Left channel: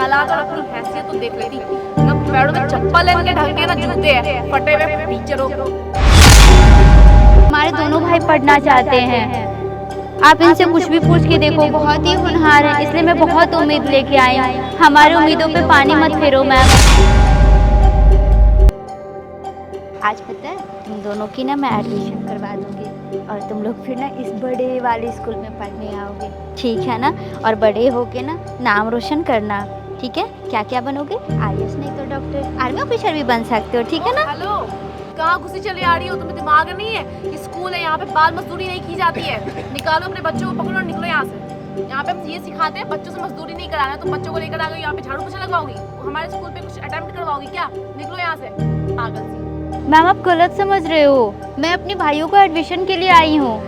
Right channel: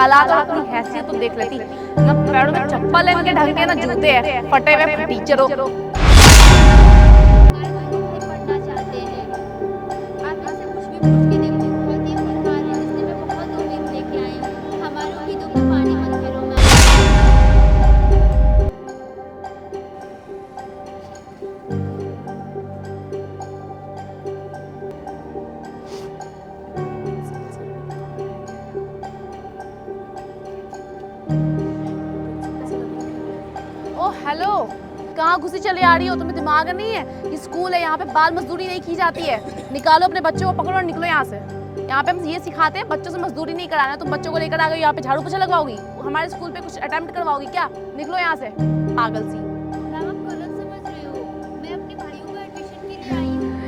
हालात और अपनी हैसियत तो देख लेती। ना पैरों में चप्पल है, इनके ढंग के ना जूते हैं, फटे हुए टीचर हो। हमारे दोनों भाई पढ़ना चाहते हैं। आप इनसे कुछ भी पूछ के देखो, बहुत ही होनहार है, इसलिए मैं बहुत उम्मीद लेके आई हूँ। हमारी उम्मीदों पे पानी मत फेरो मैम। आज पता है तुम दोनों की ना मैं एडमिशन करवा दूंगी और तुम लोग फिर ना इस बड़े वाले स्कूल में पढ़ने आओगे, ठीक है ना? और बड़े होके ना नाम रोशन करना, ठीक है? क्या क्या बनोगे? IAS नहीं तो डॉक्टर, आर्मी ऑफिसर भी बन सकते हो, ठीक है ना? हेलो, कहाँ घुसी चली आ रही हो? तुम्हें दिमाग नहीं है? ये स्कूल है, यहाँ पे बाल मजदूरी नहीं की जाती है। निकालो अपने बच्चों को, पकड़ो और निकलो यहाँ से। यहाँ पे हम ये सिखाते हैं बच्चों से मजदूरी नहीं कराना। तुम बच्चों को लेकर आ गए यहाँ पे झाड़ू पोछा लगाओगी, हमारे स्कूल पे कुछ अटेम्प्ट करवाओगी क्या? निकलो यहाँ से, पागल सी। मैम आप गलत समझ रहे हो, मैं अपने भाइयों को एडमिशन के लिए आई हूँ।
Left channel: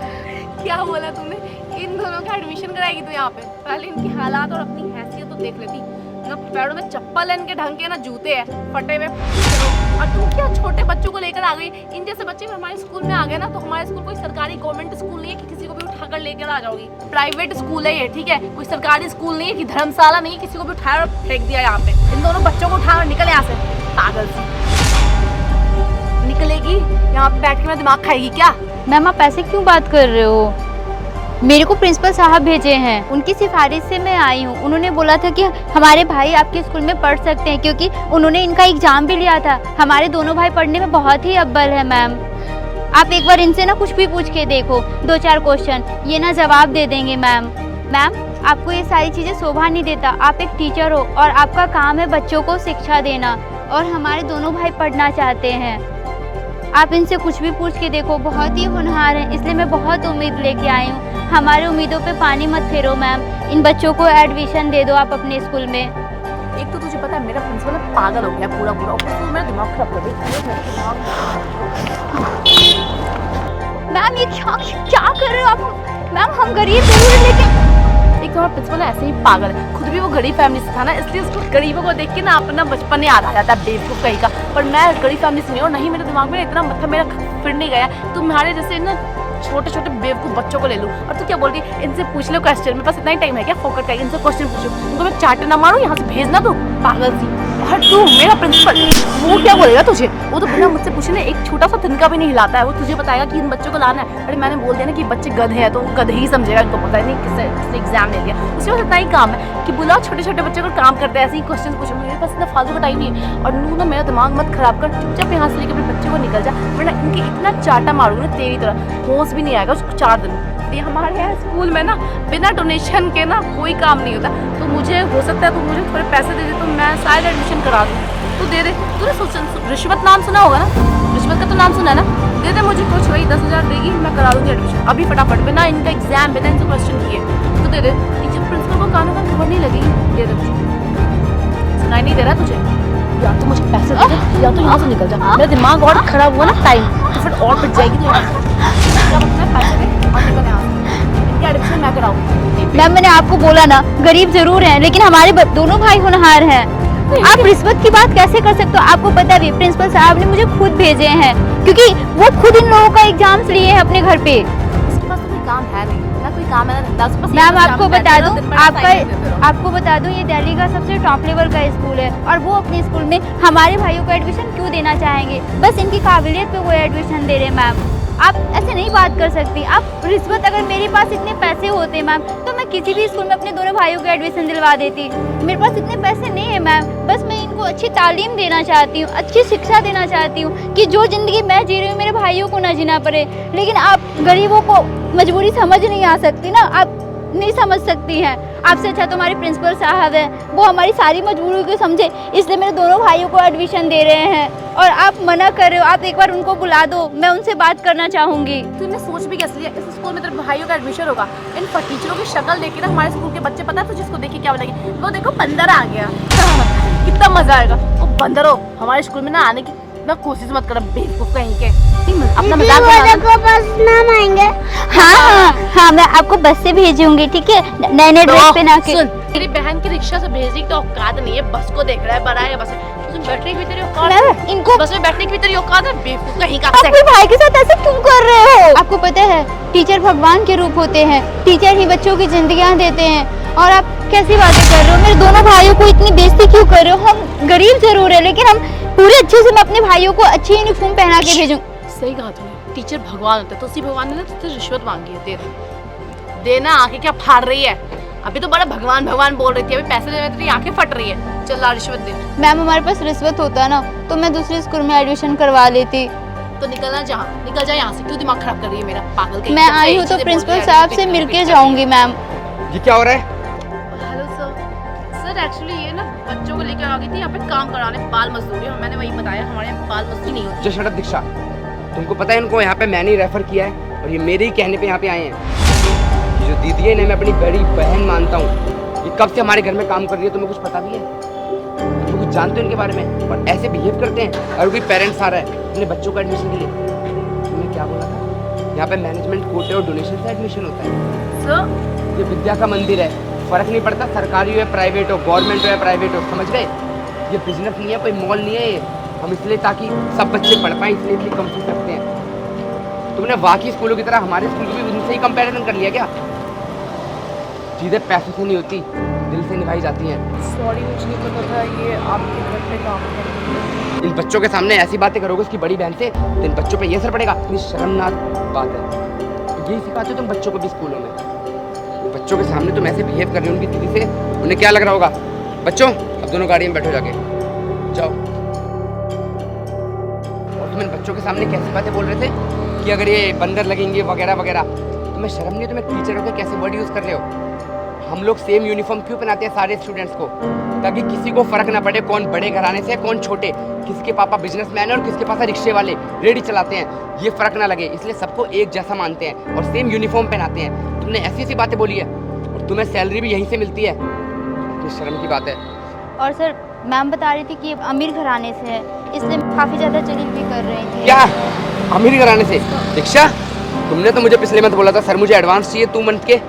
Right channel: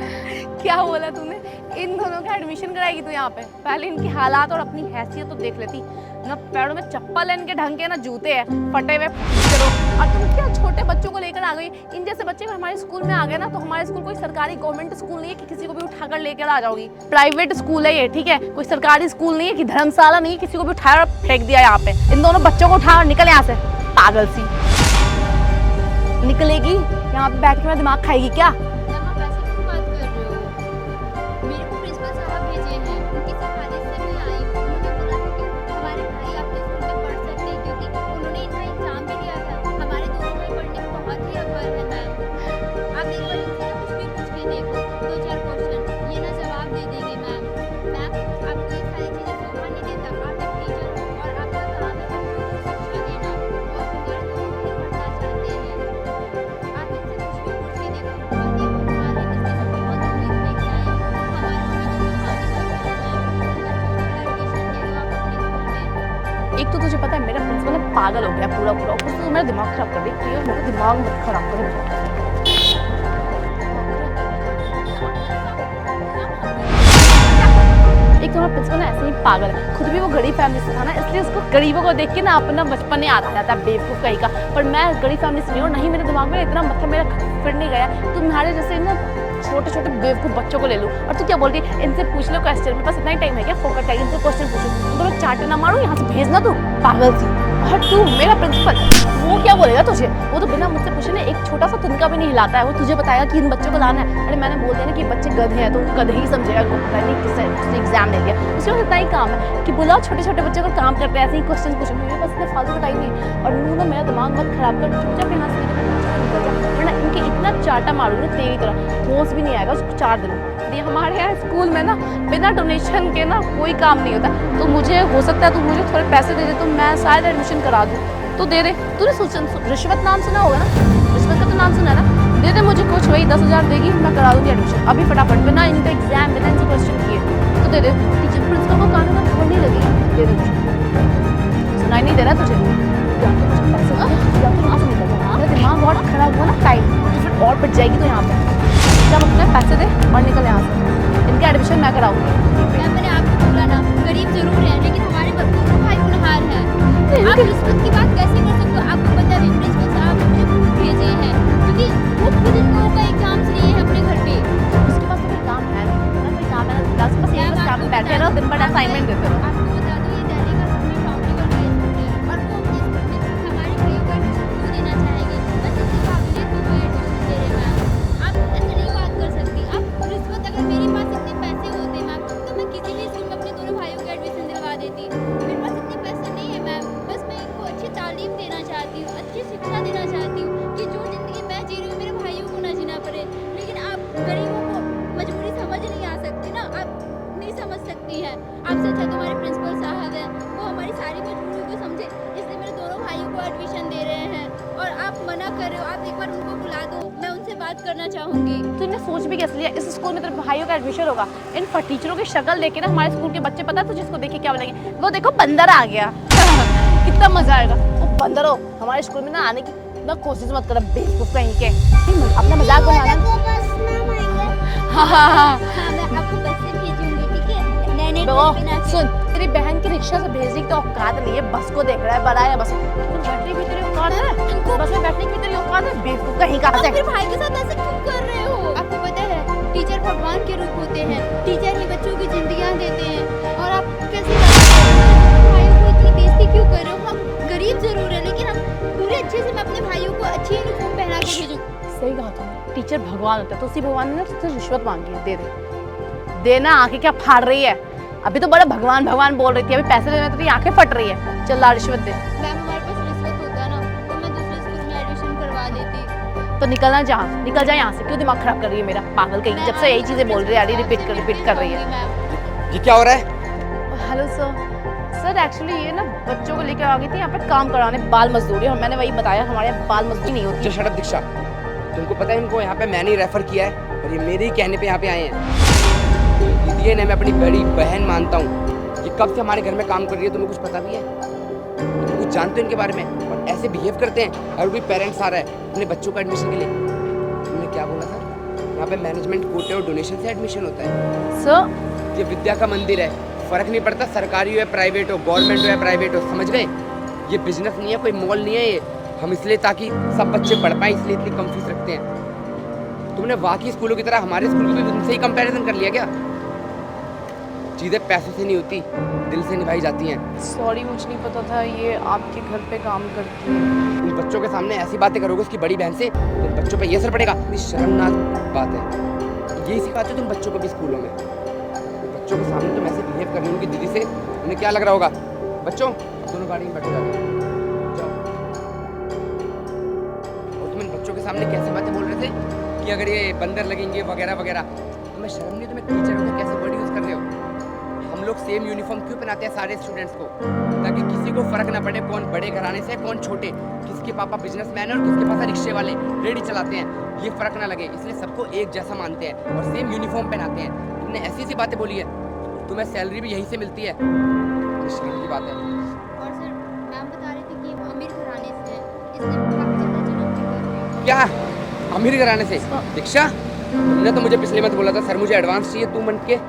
क्या बोला तुमने? इन दोनों का एडमिशन कराएगी तू यहाँ पे? पहले इनकी हालात और अपनी हैसियत तो देख लेती। ना पैरों में चप्पल है, इनके ढंग के ना जूते हैं, फटे हुए। और तुम क्या छोटे बच्चों को लेकर आ गई? इन जैसे बच्चे हमारे स्कूल में आ गए ना, तो हमारे स्कूल कोई सरकारी गवर्नमेंट स्कूल नहीं है कि किसी को भी उठाकर लेकर आ जाओगी। प्राइवेट स्कूल है ये, ठीक है? कोई सरकारी स्कूल नहीं है कि धर्मशाला नहीं है, किसी को भी उठाया और फेंक दिया यहाँ पे। इन दोनों बच्चों को उठाकर निकल यहाँ से, पागल सी। निकलेगी यहाँ बैठ के मेरा दिमाग खाएगी क्या? मैम आप ऐसे क्यों बात कर रहे हो? मेरे को प्रिंसिपल साहब भेजे हैं, उनकी सिफारिश से मैं आई हूँ। उन्होंने बोला था कि हमारे भाई आपके स्कूल में पढ़ सकते हैं, क्योंकि उन्होंने इनका एग्जाम भी लिया था। हमारे दोनों भाई पढ़ने में बहुत ही अव्वल है मैम। आप एक बार इनसे ना कुछ भी पूछ के देखो, 2-4 क्वेश्चन, ये ना जवाब दे देंगे मैम। मैम आपको ये सारी चीज़ें शोभा नहीं देता। आप एक टीचर हो और आपका काम है बच्चों को शिक्षा देना, और हमारे दोनों भाई पढ़ना चाहते हैं। आप इनसे कुछ भी पूछ के देखो, बहुत ही होनहार है, इसलिए मैं बहुत उम्मीद लेके आई हूँ। हमारी उम्मीदों पे पानी मत फेरो मैम। इन बच्चों को एडमिशन दे दो आप अपने स्कूल में। एक तो तुझे पता है मेरा प्रिंसिपल पागल हो गया पूरा पूरा, ऊपर से मेरा दिमाग खराब कर दी। मेरा दिमाग खराब कर दी। मैम ये क्या कर रहे हो आप? मैम हम गरीब नहीं हैं क्या? एक तो हमारा प्रिंसिपल ऐसे ही पागल है, खुद भी वो गरीब फैमिली से था ना, इसलिए उसको गरीबों को देख के ना अपना बचपन याद आ जाता है, बेवकूफ कहीं का। पर मैं गरीब फैमिली से नहीं हूँ, नहीं मेरे दिमाग में इतना मतलब मेरा फिर नहीं गया। तुम्हारे जैसे ना छोटे छोटे बेवकूफ बच्चों को ले लो और तू क्या बोल रही? इनसे पूछ लो क्वेश्चन, मेरे पास इतना ही टाइम है क्या? फोकस है, इनसे क्वेश्चन पूछो, उनको एक चार्टर ना मारो, यहाँ से भेजना। तो पागल सी। और तू मेरा प्रिंसिपल, वो क्या बोलेगा तुझे? वो तो बिना मुझसे पूछे ना एक छोटा सा तिनका भी नहीं हिलाता है। वो तुझे बताया कि इन बच्चों को लाना है, अरे मैंने बोल दिया ना कि बच्चे गधे हैं, तो गधे ही समझेगा, इनको पता ही नहीं किससे एग्जाम लेंगे। उसका इतना ही काम है कि बुलाओ छोटे छोटे बच्चों को काम करते हैं, ऐसे ही क्वेश्चन पूछो। मेरे पास इतना फालतू का टाइम नहीं है। और नू ना मेरा दिमाग मत खराब कर, चुपचाप यहाँ से लेकर अपने बच्चे को निकल जा, वरना इनके इतना चाटा मारूंगी तेरी तरह, होश भी नहीं आएगा उसको 4 दिन। ये हमारे यहाँ स्कूल में ना बिना डोनेशन के ना कोई काम नहीं होता। तो मुझे हो सकता है तो मुझे थोड़े पैसे दे दे तो मैं शायद एडमिशन करा दूँ। तो दे दे। तूने रिश्वत नाम सुना होगा ना? रिश्वत का तो नाम सुना है ना? दे दे मुझे कुछ, वही 10,000 देगी, मैं करा दूँगी एडमिशन अभी फटाफट। बिना इनका एग्जाम बिना इनसे क्वेश्चन किए तो दे दे। टीचर प्रिंसिपल को कानों में खबर नहीं लगेगी। दे दे मुझे, सुनाई नहीं दे रहा तुझे? या तो मुझे पैसे दे दे या तो यहाँ से निकल जा। मेरा दिमाग और खराब हुआ ना टाइम तो फिर और पिट जाएगी। तो यहाँ से पैसे दे और निकल यहाँ से। इनकी एडमिशन मैं कराऊंगी। मैम मैंने आपको बोला ना, गरीब जरूर हैं लेकिन हमारे दोनों भाई होनहार हैं। आप रिश्वत की बात कैसे कर सकते हो? आपको पता है प्रिंसिपल साहब ने मुझे खुद भेजे हैं, क्योंकि वो खुद इन लोगों का एग्जाम लिए हैं अपने घर पे। उसके पास कोई काम है नहीं ना, कोई काम है ना। मैम आपको बता दो ये दिल्ली का सबसे टॉप लेवल का स्कूल है, और वो अपने स्कूल में हमारे भाइयों को एडमिशन क्यों देना चाहेंगे? बस इनकी काबिलियत पे वो एडमिशन दे रहे हैं मैम। आप ऐसे नहीं बात कर सकती। आप रिश्वत, अगर मेरे पास इतने पैसे होते मैम तो मैं किसी भी स्कूल में अपने दोनों भाइयों को एडमिशन दिलवा देती। मेरे पास इतने पैसे नहीं है मैम, बस मैं इनको अच्छी तालीम देना चाहती हूँ, अच्छी शिक्षा देना चाहती हूँ कि जो ज़िंदगी मैं जी रही हूँ मेरे भाइयों को ना जीना पड़े। लेकिन आप गरीबों को मजबूरी समझ नहीं आ सकती ना, आप नहीं समझ सकती हैं। आपसे अच्छा तो हमारे प्रिंसिपल साहब हैं, वो हमारी सारी मजबूरी को समझे, इसलिए मेरे दोनों भाइयों को एडमिशन दे रहे हैं। और आप मना कर रहे हो, आप एक बार उनको बुला दो, मैं उनसे बात करना चाहूँगी। तूने सोच भी कैसे लिया इस स्कूल में तेरे भाइयों का एडमिशन होगा? इन टीचरों की शक्ल देख के ना हमारे स्कूल के बच्चे, पता है तुझे इसको देख के क्या बोलेंगे? वो देखो बंदर आ गया, कितना मजा आएगा। तो बंदर हो हमारे स्कूल में ना आने की ना कोशिश मत करो, बेवकूफ कहीं के। अपना मजाक नाम आएंगे। हाँ मैं आपको बस से भेजूंगी, ठीक है? नए नए ड्रेस पहना के। सुन, तेरी बहन की रिक्शा से भेजने की तो औकात नहीं है, बस को देख रहा है, बड़ा है बस। बैठने की भी तेरी औकात है, इनको बस में बैठने की भी तेरी औकात है, बेवकूफ कहीं का। अपने भाई के साथ ऐसे क्यों कर रहे हो? आपको पता है टीचर भगवान के रूप होते हैं, टीचर ही बच्चों की जिंदगियां देते हैं, और आप कैसी बातें कर रहे हो? मेरे दोनों भाइयों को इतनी भाइयों को अच्छी यूनिफॉर्म पहना के भेजूं। सही कहा तूने, टीचर भगवान होते हैं, तो उसी भगवान ने ना तुझसे रिश्वत मांगी है, दे दे देना। आंखें क्या फाड़ रही है, अभी तो बड़ा भगवान भगवान बोल रही थी, अभी पैसे ले रहे तेरी आंखें फट रही है। चल ला रिश्वत दे। मैम हमारे पास रिश्वत होता ना तो मैं दूसरे स्कूल में एडमिशन करवा लेती। तो निकल जा यहाँ से, क्यों दिमाग खराब कर रही है मेरा, पागल कहीं। मैं आई हूँ तो प्रिंसिपल साहब से मिलके जाऊंगी मैम। ये क्या हो रहा है? हेलो सर एक्चुअली ये ना बच्चों को लेकर आ गई थी यहाँ पे काम कराने, बाल मजदूरी, और मैंने वही बताया हमारे यहाँ बाल मजदूरी नहीं होती। जय शरद दीक्षा, तुमको पता है इनको यहाँ पे मैंने ही रेफर किया है और ये मेरे ही कहने पे यहाँ पे आए हैं। ये जो दीदी है इन्हें मैं अपनी बड़ी बहन मानता हूँ। ये कब से हमारे घर में काम कर रही है, तुम्हें कुछ पता भी है? तुम कुछ जानते हो इनके बारे में? और ऐसे बिहेव करते हैं। और भी पेरेंट्स आ रहा है अपने बच्चों को एडमिशन के लिए। तुमने क्या बोला था? यहाँ पे मैनेजमेंट कोटे और डोनेशन से एडमिशन होते हैं। सर ये विद्या का मंदिर है, फर्क नहीं पड़ता सरकारी हो या प्राइवेट हो, गवर्नमेंट हो या प्राइवेट हो, समझ गए? ये बिजनेस नहीं है, कोई मॉल नहीं है ये। हम इसलिए ताकि सब बच्चे पढ़ पाएं इसलिए इतनी कम फीस रखते हैं। तुमने बाकी स्कूलों की तरह हमारे स्कूल को भी उनसे ही कंपैरिजन कर लिया क्या? चीजें पैसों से नहीं होती, दिल से निभाई जाती हैं। सॉरी मुझे नहीं पता था ये आपके घर पे काम करती है। इन बच्चों के सामने ऐसी बातें करोगे उसकी बड़ी बहन से तो इन बच्चों पे ये असर पड़ेगा। कितनी शर्मनाक बात है। यही सिखाते हो तुम बच्चों को भी स्कूलों में। बच्चों के सामने तुम ऐसे बिहेव कर रहे हो उनकी दीदी से, उन्हें क्या लग रहा होगा? बच्चों अब दोनों गाड़ी में बैठो, जाके जाओ। और तुम इन बच्चों के सामने कैसी बातें बोल रहे थे कि अगर ये बंदर लगेंगे वगैरह वगैरह, तुम्हें शर्म नहीं? तुम्हें टीचर होकर कैसे वर्ड यूज कर रहे हो? हम लोग सेम यूनिफॉर्म क्यों पहनाते हैं सारे स्टूडेंट्स को? ताकि किसी को फर्क ना पड़े कौन बड़े घराने से कौन छोटे, किसके पापा बिजनेसमैन है और किसके पास रिक्शे वाले रेडी चलाते हैं, ये फर्क ना लगे। इसलिए सबको एक जैसा मानते हैं और सेम यूनिफॉर्म पहनाते हैं। तुमने ऐसी सी बातें बोली है और तुम्हें सैलरी भी यहीं से मिलती है, तो शर्म की बात है। और सर मैम बता रही थी कि ये अमीर घराने से है, इसलिए काफी ज्यादा जलील भी कर रही थी। क्या अमीर घराने से? दीक्षा तुमने तो मुझे पिछले मंथ बोला था सर मुझे एडवांस चाहिए 2 मंथ के।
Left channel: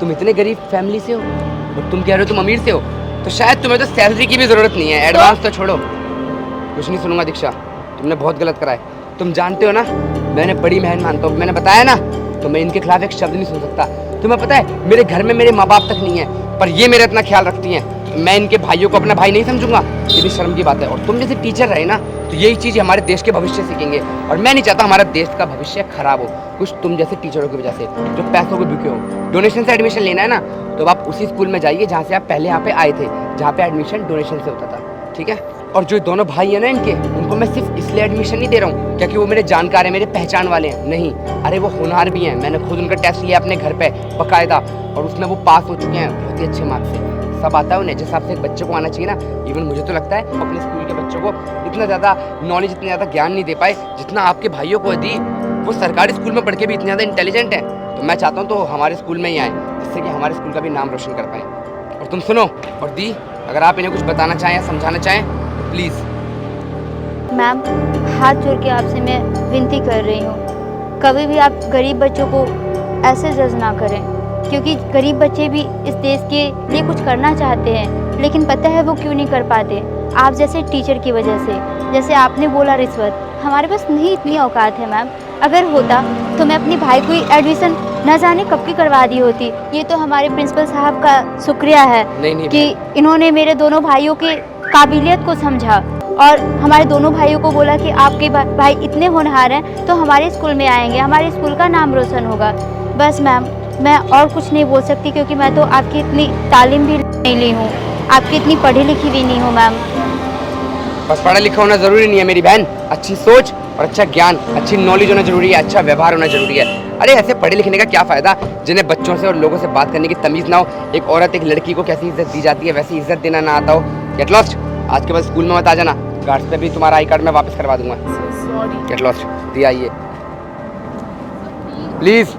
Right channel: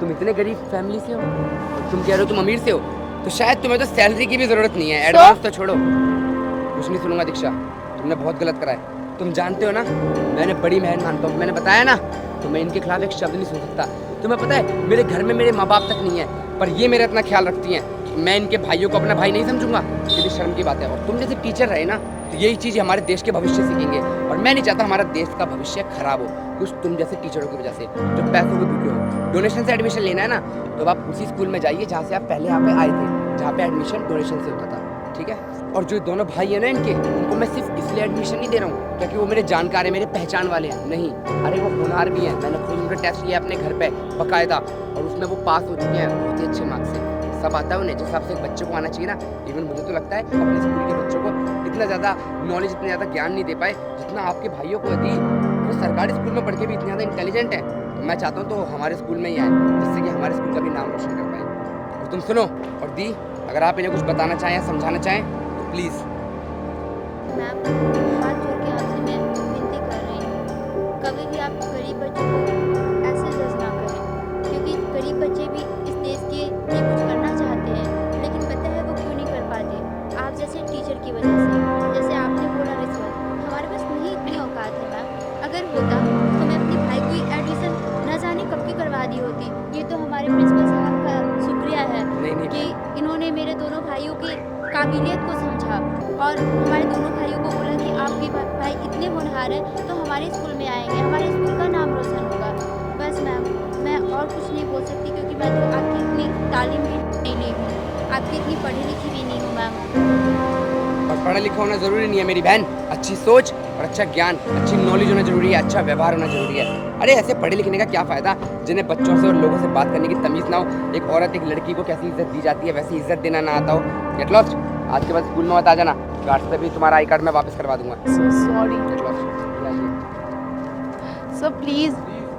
तुम इतने गरीब फैमिली से हो और तुम कह रहे हो तुम अमीर से हो, तो शायद तुम्हें तो सैलरी की भी जरूरत नहीं है, एडवांस तो छोड़ो। कुछ नहीं सुनूंगा दीक्षा, तुमने बहुत गलत करा है। तुम जानते हो ना मैंने बड़ी बहन मानता हूँ, मैंने बताया ना, तो मैं इनके खिलाफ एक शब्द नहीं सुन सकता। तुम्हें पता है मेरे घर में मेरे माँ बाप तक नहीं है, पर ये मेरा इतना ख्याल रखती हैं। मैं इनके भाइयों को अपना भाई नहीं समझूंगा, ये भी शर्म की बात है। और तुम जैसे टीचर रहे ना तो यही चीज़ हमारे देश के भविष्य सीखेंगे, और मैं नहीं चाहता हमारा देश का भविष्य खराब हो कुछ तुम जैसे टीचरों की वजह से जो पैसों को भूखे हो। डोनेशन से एडमिशन लेना है ना तो आप उसी स्कूल में जाइए जहाँ से आप पहले यहाँ पे आए थे, जहाँ पे एडमिशन डोनेशन से होता था, ठीक है? और जो दोनों भाई है ना इनके, उनको मैं सिर्फ इसलिए एडमिशन नहीं दे रहा हूँ क्योंकि वो मेरे जानकार हैं, मेरे पहचान वाले हैं, नहीं, अरे वो होनहार भी हैं। मैंने खुद उनका टेस्ट लिया अपने घर पे बकायदा, और उसमें वो पास हो चुके हैं बहुत ही अच्छे मार्क्स से। सब आता है उन्हें, जिस हिसाब से एक बच्चे को आना चाहिए ना। इवन मुझे तो लगता है अपने स्कूल के बच्चों को इतना ज़्यादा नॉलेज, इतना ज़्यादा ज्ञान नहीं दे पाए जितना आपके भाइयों को दी। वो सरकारी स्कूल में पढ़ के भी इतने ज़्यादा इंटेलिजेंट है, तो मैं चाहता हूँ तो हमारे स्कूल में ही आए, जिससे कि हमारे स्कूल का भी नाम रोशन कर पाएँ। और तुम सुनो, और दी अगर आप इन्हें कुछ बताना चाहें या समझाना चाहें तो प्लीज़। मैम हाथ जोड़ के आपसे मैं विनती कर रही हूँ, कभी भी आप गरीब बच्चों को ऐसे जज ना करें, क्योंकि गरीब बच्चे भी इस देश के लिए कुछ करना चाहते हैं, लेकिन पता है वो क्यों नहीं कर पाते? आप जैसे टीचर की वजह से। जैसे आपने बोला रिश्वत, हमारे पास नहीं इतनी औकात है मैम। अगर होता तो मैं अपने भाई को एडमिशन न जाने कब की करवा दी होती। ये तो हमारे प्रिंसिपल साहब का शुक्रिया है नहीं कि इन्होंने मेरे दोनों भाइयों के काबिलियत को समझा और हमारे दोनों भाइयों को बोला कि आपके भाई इतने होनहार हैं तो हमारे स्कूल में आएंगे, हमारे स्कूल का नाम रोशन होगा। बस मैम मैं और कुछ नहीं बोल सकती, क्योंकि मैं तो आपकी इतनी तालीम भी नहीं ली हूँ, आपकी इतनी पढ़ी लिखी भी नहीं हूँ मैम। बस पढ़ा लिखा होना जरूरी नहीं है मेरी बहन, अच्छी सोच और अच्छा ज्ञान, अच्छी नॉलेज होना जरूरी है, अच्छा व्यवहार होना जरूरी है। अरे ऐसे पढ़े लिखने का क्या फ़ायदा जिन्हें बच्चों से और लोगों से बात करने की तमीज़ ना हो। एक औरत एक लड़की को कैसी इज्जत दी जाती है वैसी इज्जत देना ना आता हो। गेट लॉस्ट, आज के बाद स्कूल में मत आ जाना, गार्ड्स पे भी तुम्हारा आई कार्ड मैं वापस करवा दूंगा। सॉरी गेट लॉस्ट, दिया आइए सर, प्लीज प्लीज़।